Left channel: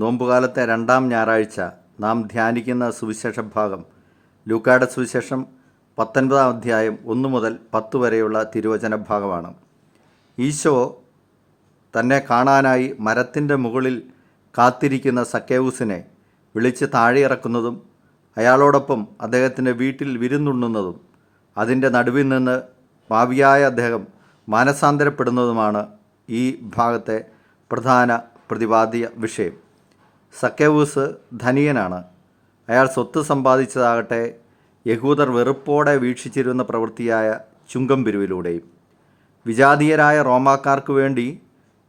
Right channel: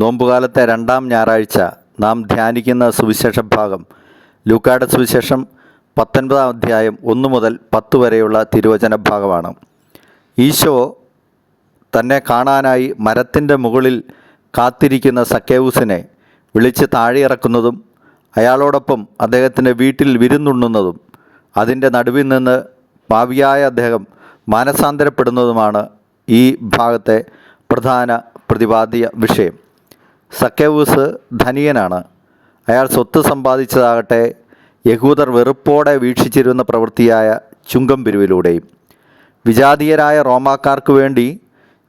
നോമ്പുകാലത്തെ രണ്ടാം ഞായറാഴ്ച നാം ധ്യാനിക്കുന്ന സുവിശേഷ ഭാഗം ലൂക്കായുടെ സുവിശേഷം 19-ാം അധ്യായം 1 മുതൽ 10 വരെയുള്ള തിരുവചന ഭാഗമാണ്. ഈശോ തന്നെ കാണാനായി മരത്തിൻ്റെ മുകളിൽ കാത്തിരിക്കുന്ന സക്കേവൂസിനെ വിളിച്ച് താഴെയിറക്കുന്നതും അയാളോടൊപ്പം അദ്ദേഹത്തിൻ്റെ വീട്ടിൽ വിരുന്നുണ്ണുന്നതും അതിൻ്റെ നടുവിൽ നിന്ന് പാപിയായ അദ്ദേഹം മാനസാന്തരപ്പെടുന്നതുമാണ് ഈ ഭാഗത്തെ പ്രധാന പ്രതിപാദ്യ വിഷയം. സക്കേവൂസ് ധനികനാണ്. അയാൾ സ്വത്ത് സമ്പാദിച്ചതാകട്ടെ യഹൂദർ വെറുപ്പോടെ വീക്ഷിച്ചിരുന്ന പ്രവൃത്തിയായ ചുങ്കം പിരിവിലൂടെയും. വിജാതീയരായ റോമാക്കാർക്ക് വേണ്ടി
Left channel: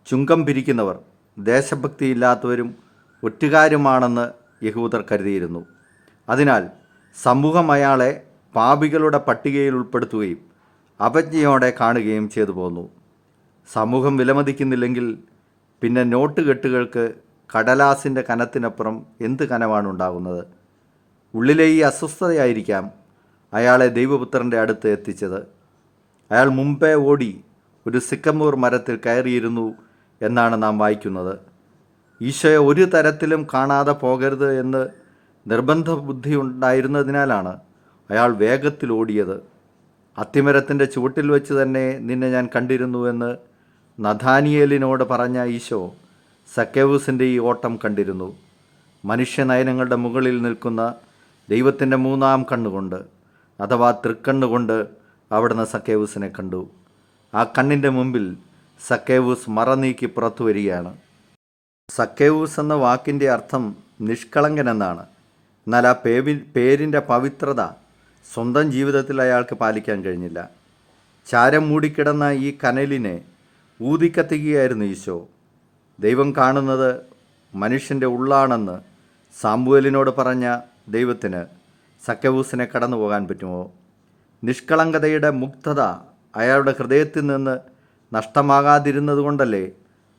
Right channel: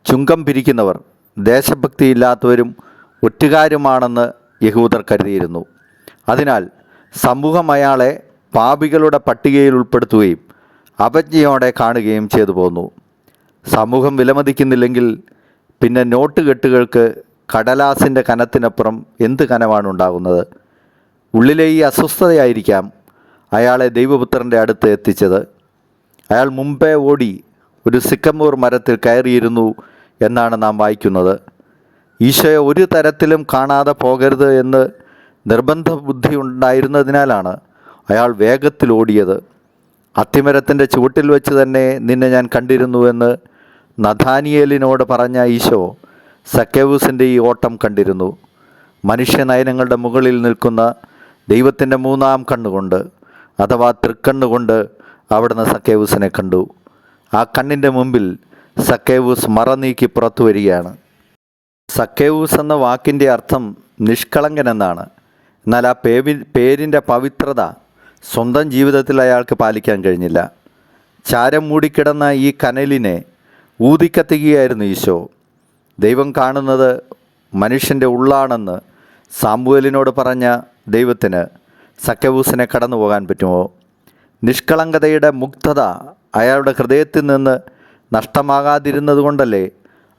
ചുങ്കം പിരിക്കുന്നവർ ദേശഭക്തിയില്ലാത്തവരും ഒറ്റുകാരുമാണെന്ന് യഹൂദർ കരുതിയിരുന്നു. അതിനാൽ സമൂഹം അയാളെ പാപികളുടെ പട്ടികയിൽ ഉൾപ്പെടുത്തുകയും അവജ്ഞയോടെ കാണുകയും ചെയ്തു പോന്നു. സമൂഹം വിലമതിക്കുന്നില്ലെങ്കിൽ പിന്നെ നോട്ട് കെട്ടുകൾക്ക് കടലാസിൻ്റെ കനത്തിനപ്പുറം എന്ത് കനമാണ് ഉണ്ടാകുന്നത്? ഉള്ളിലെ ഈ അസ്വസ്ഥതയായിരിക്കാം അയാളെ ദൈവപുത്രൻ്റെ അടുത്ത് എത്തിച്ചത്. അയാൾ മുമ്പേ ഓടി ഒരു സിക്കമൂർ മരത്തിൽ കയറിയിരുന്നു എന്നാണ് നാം വായിക്കുന്നത്. ഈശോയെ ഒരു തരത്തിലും കാണാതെ പോകരുത് എന്ന് നിർബന്ധ ബുദ്ധി ഉണ്ടായിരുന്നതിനാലാണ് അയാൾ വേഗത്തിൽ ഓടിയത്. അത്തിമരത്തിൻ്റെ ചുവട്ടിൽ വെച്ച് തന്നെ നിന്നെ ഞാൻ കണ്ടിരുന്നുവെന്ന് നഥാനിയേലിനോട് പറഞ്ഞ ഈശോ സക്കേവൂസിൻ്റെ ഈ ഓട്ടം കണ്ടിരുന്നു. മനുഷ്യനയനങ്ങളുടെ മുകളിൽ നിൽക്കുന്ന ദൈവത്തിൻ്റെ മൂന്നാം കണ്ണുകൊണ്ട് അഥവാ തൃക്കണ്ണുകൊണ്ട് അവിടുന്ന് സക്കേവൂസിനെ കണ്ടു. ആ കണ്ണിൻ്റെ മുമ്പിൽ സക്കേവൂസ് മറനീക്കി പുറത്തു വരികയാണ്. സക്കേവൂസ് എന്ന വാക്കിൻ്റെ അർത്ഥം നിഷ്കളങ്കൻ എന്നാണ്. എന്നാൽ ആ പേരിൻ്റെ പവിത്രത സ്വന്തം ജീവിതത്തിൽ അയാൾക്ക് പാലിക്കാൻ കഴിഞ്ഞില്ല. ചാരം മൂടിക്കിടന്ന ഈ കനലിനെ ഊതിക്കത്തിക്കുകയായിരുന്നു ഈശോ. ദൈവം കാണുന്നത് മനുഷ്യൻ്റെ ഉള്ളാണെന്ന് സാമുവേലിനോട് പറഞ്ഞ ദൈവത്തിന് സക്കേവൂസിനെ കടന്നു പോകാൻ പറ്റുമോ? നിഷ്കളങ്കതയുടെ മുക്തത അയാളുടെ ഹൃദയത്തിൽ നിന്ന് നഷ്ടമാകാതിരുന്നത് കൊണ്ടല്ലേ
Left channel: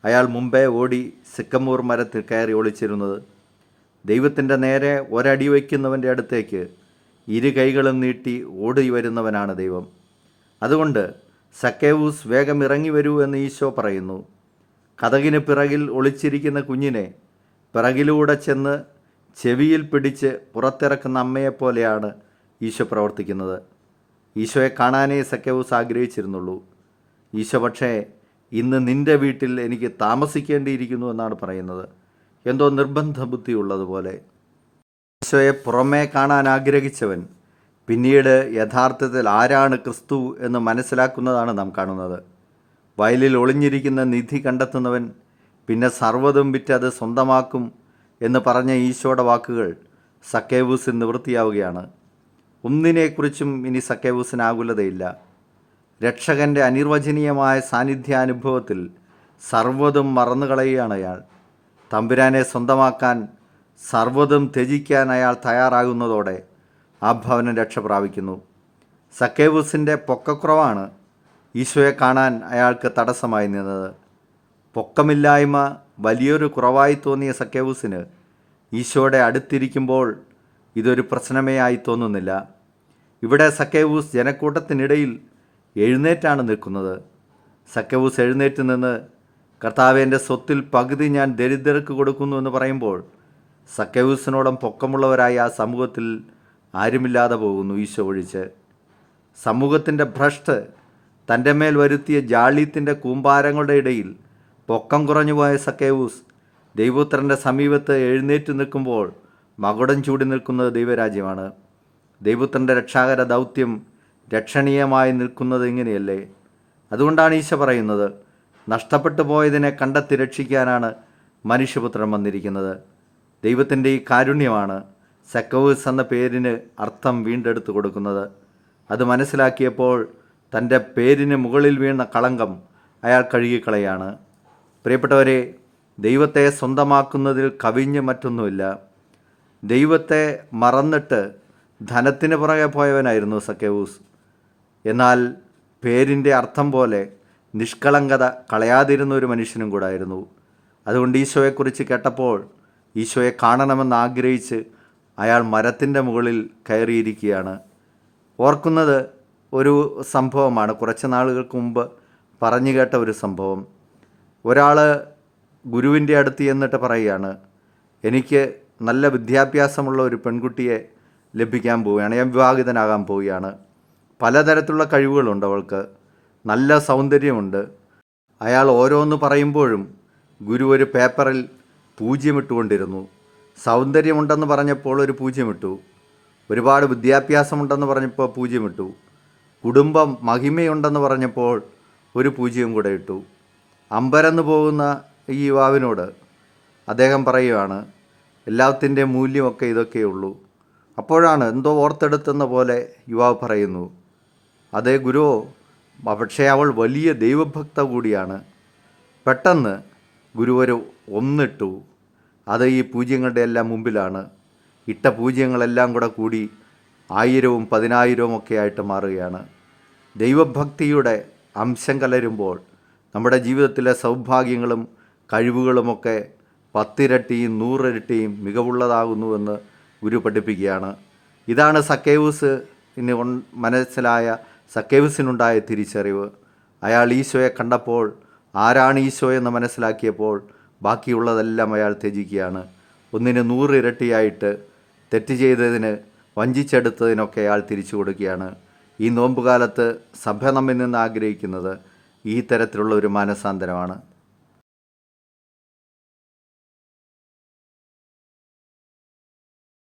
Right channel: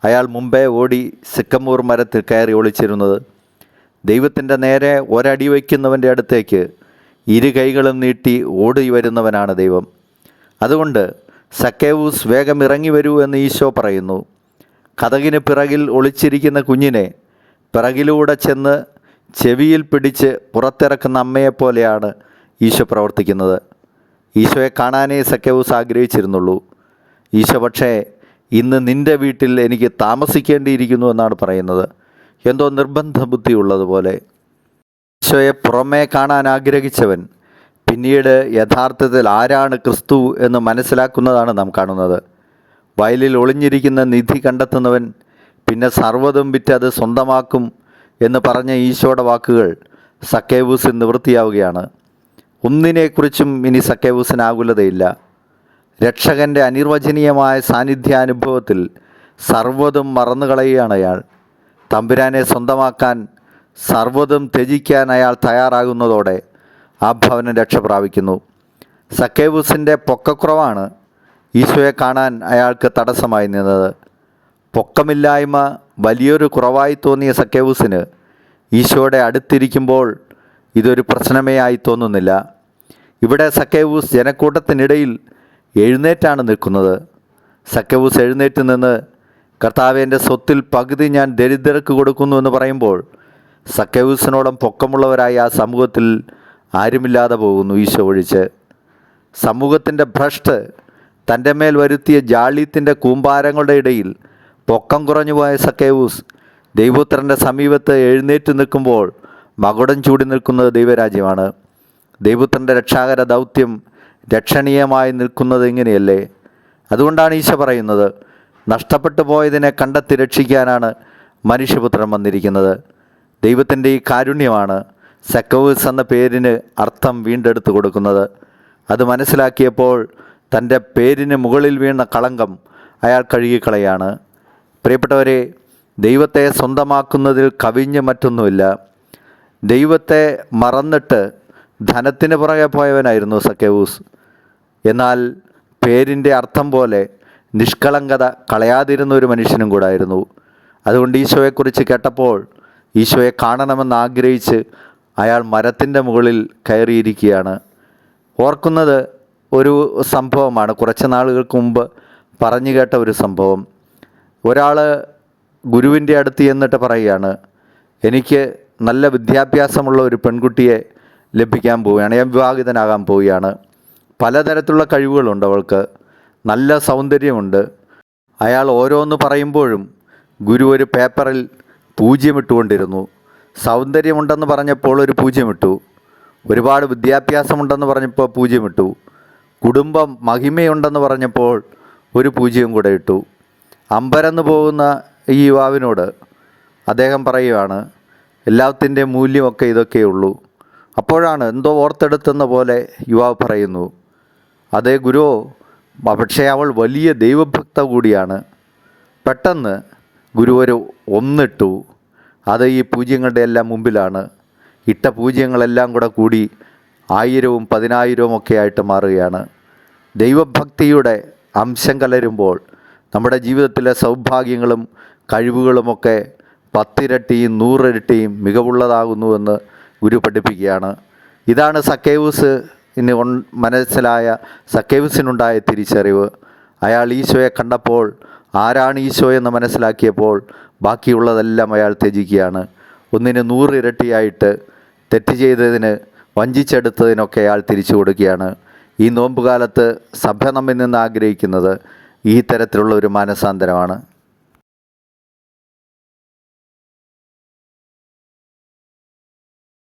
അയാൾ മുമ്പേ ഓടി സിക്കമൂർ മരത്തിൽ കയറി ഒളിച്ചിരുന്നത്. ദൈവത്തിൻ്റെ നേരെ ഒരടി വയ്ക്കുന്നവൻ്റെ അടുത്തേക്ക് ഇരു കൈകളും നീട്ടി ഓടി വരുന്നവനാണ് ദൈവം. അതുകൊണ്ട് സക്കേവൂസ് വേഗം ഇറങ്ങി വരൂ എന്ന് ഈശോ പറയുന്നു. കതകിന് പിറകിൽ ഒളിച്ചിരിക്കുന്ന കുഞ്ഞിനെ പിറകിലൂടെ ചെന്ന് ചെവിയിൽ പിടിച്ച് പുറത്തിറക്കുന്ന അമ്മയെപ്പോലെയാണ് ഈശോ പ്രവർത്തിക്കുന്നത്. ഈശോയെ കാണാനേ സക്കേവൂസ് ആഗ്രഹിച്ചിരുന്നുള്ളൂ. ഈശോ പക്ഷേ ഇന്ന് നിൻ്റെ വീട്ടിൽ എനിക്ക് താമസിക്കേണ്ടിയിരിക്കുന്നു എന്നാണ് പറയുന്നത്. എന്തോ നിർബന്ധ ബുദ്ധി ഉള്ളതുപോലെ. ഈശോയെ പുറമേ കാണാൻ ആഗ്രഹിച്ചവൻ പിന്നീട് യഥാർത്ഥത്തിൽ ആരാണ് ക്രിസ്തു എന്ന് മനസ്സിലാക്കുന്നതാണ് നാം കാണുന്നത്. വയലിൽ ഒളിഞ്ഞിരിക്കുന്ന നിധി കണ്ടെത്തുന്നവൻ പിന്നെ സർവ്വതും വിറ്റ് അത് സ്വന്തമാക്കും എന്ന് പറഞ്ഞ ഈശോയുടെ വാക്കുകൾ സക്കേവൂസിൽ നിവൃത്തിയാവുകയാണ്. ഒന്നിനെക്കുറിച്ചും ഇനി സക്കേവൂസിന് ആകുലതയില്ല. രക്ഷകൻ്റെ അനിർവചനീയമായ സാന്നിധ്യാനുഭവത്തിൽ സർവ്വതും മറന്നുകളയുകയാണ് അയാൾ. തമ്പുരാനെ സ്വന്തമാക്കാൻ സർവ്വതും ത്യജിക്കാൻ അയാൾ തയ്യാറാകുന്നതോടെ ആ ഭവനം രക്ഷ പ്രാപിക്കുന്നു. സക്കേവൂസിൻ്റെ പൊക്കക്കുറവാണ് ഈശോയെ കാണാൻ അയാൾക്ക് തടസ്സമായി നിന്നത്. പൊക്കമില്ലായ്മ വലിയൊരു കുറവായി തോന്നിയ സക്കേവൂസിന് ഈശോയുടെ അടുത്തിരിക്കുമ്പോൾ ഇതൊരു പ്രശ്നമേ ആയി തോന്നുന്നില്ല. ഇവിടെ സക്കേവൂസ് ജനക്കൂട്ടത്തിനിടയിൽ എഴുന്നേറ്റാണ് നിൽക്കുന്നത്. സക്കേവൂസ് എഴുന്നേറ്റ് നിന്ന് കർത്താവേ, എൻ്റെ സ്വത്തിൽ പകുതി ഞാൻ ദരിദ്രർക്ക് കൊടുക്കുന്നു എന്ന് പറയുമ്പോൾ സക്കേവൂസിനോളം പൊക്കമുള്ളവരായി ആ സമൂഹത്തിൽ ആരുമില്ലാതെ പോകുന്നു ഈശോ ഒഴിച്ച്. സമൂഹത്തിൻ്റെ ഭ്രഷ്ട് തൻ്റെ മേൽ വരുത്തിയ ജാള്യത്തിൻ്റെ കൂമ്പാരങ്ങളുടെ ഇടയിൽ പൊക്കം കുറഞ്ഞു പോയ സക്കേവൂസ് ദൈവപുത്രൻ്റെ സമീപത്ത് എഴുന്നേറ്റ് നിൽക്കുമ്പോൾ മകുടം ചൂടി നിൽക്കുന്നത് ദൈവരാജ്യമാണ്. ദൈവപുത്രൻ്റെ രക്ഷാകര ദൗത്യം രക്ഷണീയമായി നിൽക്കുന്നത് ഇങ്ങനെയല്ലേ? അതുകൊണ്ടാണ് ഈശോ പറയുന്നത്, നഷ്ടപ്പെട്ടു പോയതിനെ കണ്ടെത്തി രക്ഷിക്കാനാണ് മനുഷ്യപുത്രൻ വന്നിരിക്കുന്നത്. ദൈവത്തിൻ്റെ ഈ കാരുണ്യമാണ് സക്കേവൂസ് എന്ന പേരിന് അർത്ഥം വീണ്ടെടുത്ത് കൊടുക്കുന്നത്. അത് മനസ്സിലാക്കിയപ്പോൾ തൻ്റെ പേരിന് മുകളിൽ വീണ കളങ്കം അയാൾ കഴുകിക്കളയാണ്. പ്രിയപ്പെട്ടവരെ, ദൈവത്തെ സ്വന്തമാക്കുന്നതിൽ കവിഞ്ഞ് മറ്റൊന്നുമില്ല. ദൈവത്തെ മറന്നിട്ട് ധനത്തിന് പുറകെ പോയവനായിരുന്നു സക്കേവൂസ്. എന്നാൽ പേരിൻ്റെ അർത്ഥം പോലെ നിഷ്കളങ്കത കളയാതിരുന്ന ഒരു മനുഷ്യനും കൂടായിരുന്നു. അതുകൊണ്ട് ഈശോയെക്കുറിച്ച് കേട്ടപ്പോൾ ഈശോയെ കാണണമെന്ന് ആഗ്രഹിച്ച് അയാൾ മരത്തിൻ്റെ മുകളിൽ കയറിയിരിക്കുകയാണ്. ഓർക്കുന്നത് ഒരു സംഭവമാണ്. കുറച്ച് നാളുകൾക്ക് മുമ്പ് പറഞ്ഞു കേട്ട ഒരു സംഭവം. ഒരാൾ ഗുരുവിൻ്റെ അടുത്ത് ചെന്നിട്ട് പറയുകയാണ്, എനിക്ക് നല്ല വിദ്യാഭ്യാസമുള്ള ഒരു പെൺകുട്ടിയെ ലഭിക്കാൻ പോവുകയാണ്, ഞാൻ വിവാഹിതനാകാൻ പോവുകയാണ്. പലതരത്തിലുള്ള കഴിവുകളുണ്ട് അവൾക്ക്, നല്ല സൗന്ദര്യമുണ്ട്. അയാൾ ഓരോന്ന് പറയുമ്പോഴും ഗുരു ഒരു പേപ്പറിൽ പൂജ്യമിട്ടുകൊണ്ടിരുന്നു. സൗന്ദര്യമുണ്ടെന്ന് പറഞ്ഞപ്പോൾ ഒരു പൂജ്യമിട്ടു, ഒരുപാട് വിദ്യാഭ്യാസമുണ്ടെന്ന് പറഞ്ഞപ്പോൾ പൂജ്യമിട്ടു, കുടുംബം മഹിമയുണ്ടെന്ന് പറഞ്ഞപ്പോൾ ഒരു പൂജ്യം കൂടെ ഇട്ടു. അമ്പരന്ന് പോകുന്ന ഈ യുവാവിനോട് അദ്ദേഹം പറയുകയാണ്, എല്ലാത്തിൻ്റെ മൂല്യമൊക്കെ ഇതൊക്കെയുള്ളൂ. അപ്പോഴാണ് എന്തോ ഓർത്തെടുത്തെന്ന പോലെ യുവാവ് പറയുന്നു, അതേ ഗുരുവോ, പക്ഷേ അവൾ വലിയ ദൈവഭക്ത കൂടിയാണ്. പെട്ടെന്ന് ഗുരു ഒരു ഒന്നിട്ടു. അത് ഈ പൂജ്യങ്ങളുടെ എല്ലാം മുമ്പിലാണ്. ഇട്ട പൂജ്യങ്ങളെല്ലാം കൂടെ കൂടി 1000ഉം 10,000ഉം ഒക്കെ ആയിട്ട് മാറുകയാണ്. ദൈവഭക്തിയുടെ അംശം കലരുമ്പോൾ നമ്മുടെ ജീവിതത്തിലെ സൗഭാഗ്യങ്ങളും കഴിവുകളുമൊക്കെ 10 ഇരട്ടിയും 100 ഇരട്ടിയും മികവുള്ളതാകുന്നുവെന്ന് ഗുരു പഠിപ്പിക്കുകയാണ്. ഇതാണ് സക്കേവൂസിന് മനസ്സിലായ സക്കേവൂസിനുണ്ടായ തിരിച്ചറിവ്. അയാൾ ഈശോയെ കണ്ടപ്പോൾ, ആരാണ് ഈശോ എന്ന് മനസ്സിലാക്കിയപ്പോൾ ബാക്കിയുള്ളതെല്ലാം അയാൾ ത്യജിക്കുകയാണ്. 100 ഇരട്ടിയായിട്ട് തെറ്റ് ചെയ്തതിന്, വഞ്ചിച്ചെടുത്തതിനൊക്കെ അയാൾ തിരിച്ചു കൊടുക്കുകയാണ്. ഈ നോമ്പുകാലത്ത് സഭ നമ്മിൽ നിന്ന് ആഗ്രഹിക്കുന്നത് ഈ തരത്തിലുള്ള ഒരു മാനസാന്തരമാണ്.